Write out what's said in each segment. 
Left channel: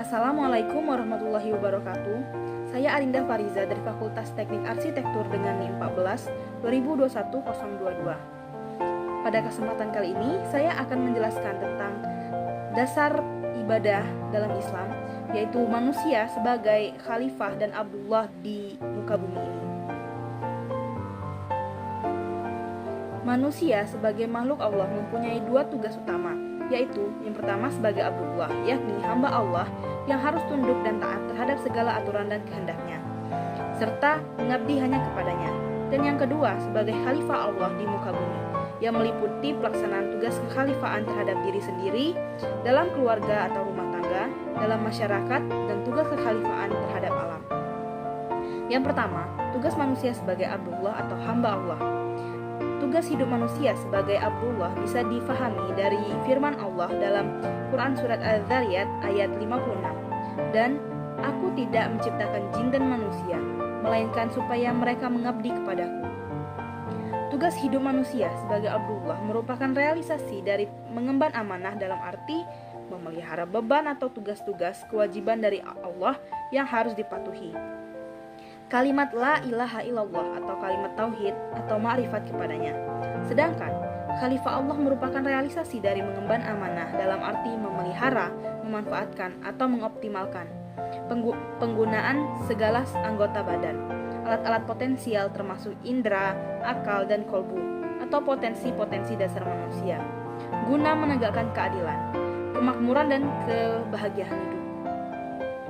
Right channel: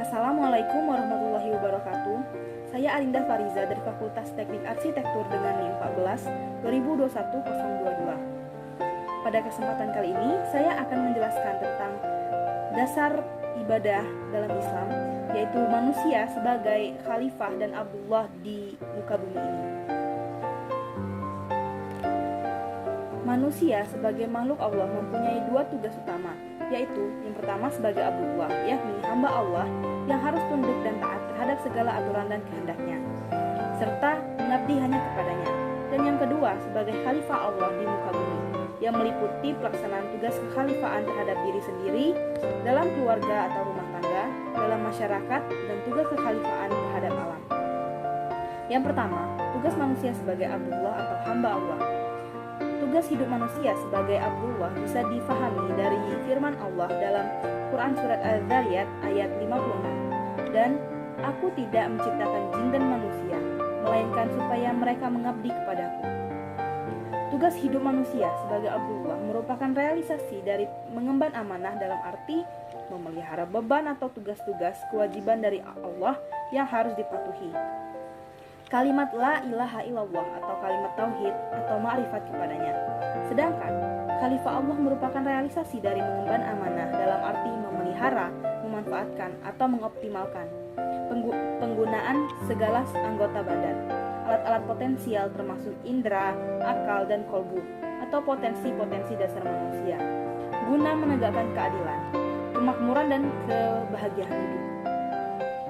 Assalamualaikum warahmatullahi wabarakatuh. Saya Arinda Fariza dari Fakultas Teknik Arsitektur dengan NIM 14 2021-022. Pada kesempatan kali ini, saya akan menjelaskan tentang dasar ibadah dalam Islam, yaitu manusia sebagai khalifah dan Abdullah di muka bumi ini. Manusia sebagai makhluk Allah mempunyai dua tugas utama, yaitu yang pertama sebagai Abdullah, yakni hamba Allah yang harus tunduk dan taat terhadap segala aturan dan kehendaknya, serta mengabdi hanya kepadanya. Dan yang kedua sebagai khalifah Allah di muka bumi, yang meliputi pelaksanaan tugas kekhalifahan terhadap diri sendiri, dalam keluarga atau rumah tangga, dalam masyarakat, dan tugas kekhalifahan terhadap alam. Yang pertama, tugas manusia sebagai Abdullah atau hamba Allah. Tugas hidup manusia sebagai Abdullah bisa difahami dari firman Allah dalam Quran Surat Al-Dzariyat ayat 56. Dan aku tidak menciptakan jin dan manusia, melainkan supaya mereka mengabdi kepadaku. Tugas hidup manusia sebagai Abdullah merupakan realisasi dari mengemban amanah dalam arti memelihara beban atau tugas-tugas kewajiban dari Allah yang harus dipatuhi. Kalimat la ilaha illallah atau kalimat tauhid atau ma'rifat kepadanya. Sedangkan khalifah Allah merupakan realisasi dari mengemban amanah dalam arti memelihara, memanfaatkan atau mengoptimalkan penggunaan segala anggota badan, alat-alat potensial termasuk indera, akal, dan kolbu atau potensi-potensi dasar manusia, guna menegakkan keadilan, kemakmuran, dan kebahagiaan hidup.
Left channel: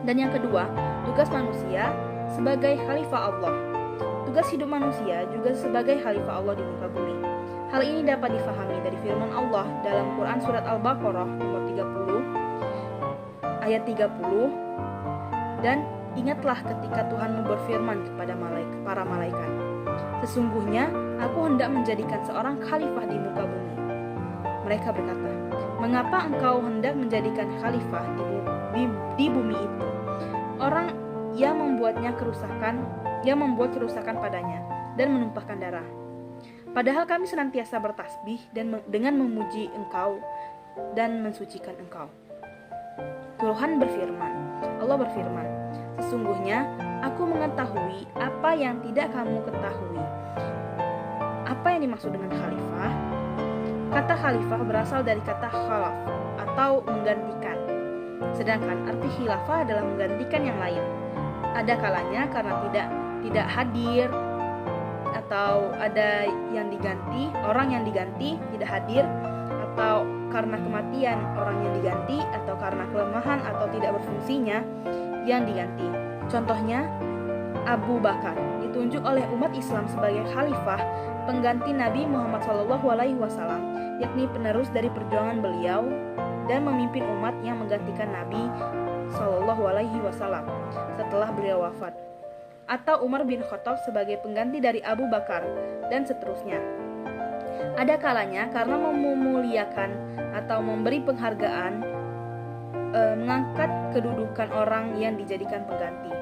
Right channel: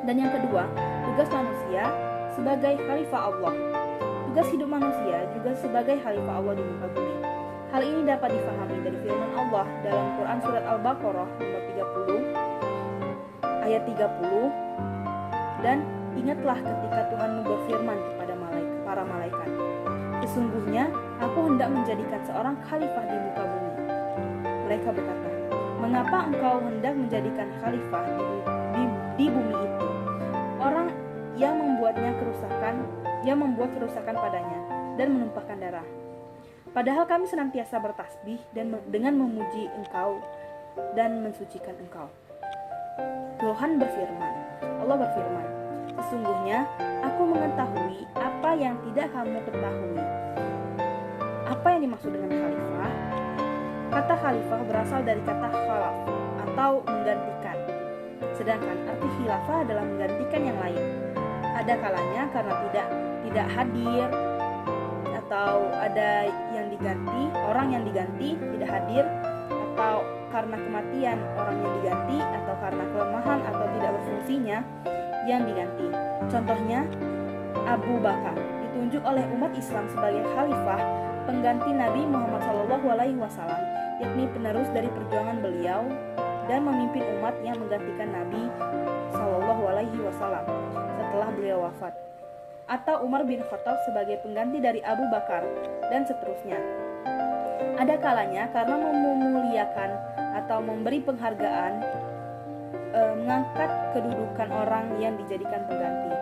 Dan yang kedua, tugas manusia sebagai khalifah Allah. Tugas hidup manusia juga sebagai khalifah Allah di muka bumi. Hal ini dapat difahami dari firman Allah dalam Quran Surat Al-Baqarah nomor 30 ayat 30. Dan ingatlah ketika Tuhanmu berfirman kepada para malaikat, sesungguhnya aku hendak menjadikan seorang khalifah di muka bumi. Mereka berkata, mengapa engkau hendak menjadikan khalifah di bumi itu? Orang yang membuat kerusakan padanya dan menumpahkan darah. Padahal kami senantiasa bertasbih dan dengan memuji Engkau dan mensucikan Engkau. Allah berfirman, sesungguhnya aku mengetahui apa yang tidak kamu ketahui. Apa yang dimaksud dengan khalifah? Kata khalifah berasal dari kata khalaf atau menggantikan. Sedangkan arti khilafah adalah menggantikan yang lain. Ada kalanya karena tidak hadir, atau ada yang diganti, orang yang diganti tidak hadir, atau karena kematian orang yang diganti, atau karena kelemahan atau tidak berfungsinya yang diganti. Contohnya, Abu Bakar ditunjuk oleh umat Islam sebagai khalifah pengganti Nabi Muhammad SAW, yakni penerus dari perjuangan beliau dan memimpin umat yang menggantikan Nabi SAW setelah beliau wafat, atau Umar bin Khattab sebagai pengganti dari Abu Bakar, dan seterusnya. Ada kalanya karena memuliakan atau memberi penghargaan, mengangkat kedudukan orang yang dijadikan pengganti.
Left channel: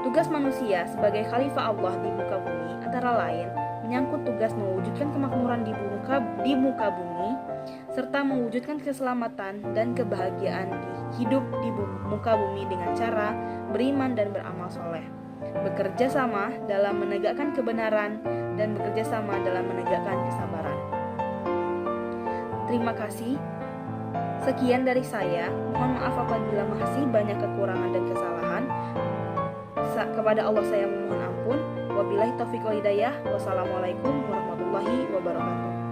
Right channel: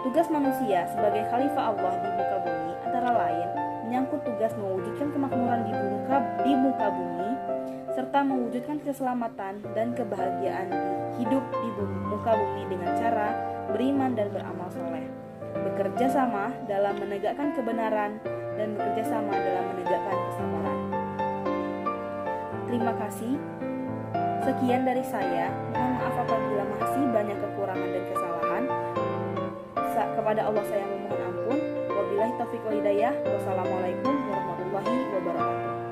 Tugas manusia sebagai khalifah Allah di muka bumi antara lain menyangkut tugas mewujudkan kemakmuran di muka bumi, serta mewujudkan keselamatan dan kebahagiaan hidup di muka bumi dengan cara beriman dan beramal soleh, bekerja sama dalam menegakkan kebenaran, dan bekerja sama dalam menegakkan kesabaran. Terima kasih. Sekian dari saya. Mohon maaf apabila masih banyak kekurangan dan kesalahan. Kepada Allah saya memohon ampun. Wabillahi taufiq wal hidayah. Wassalamualaikum warahmatullahi wabarakatuh.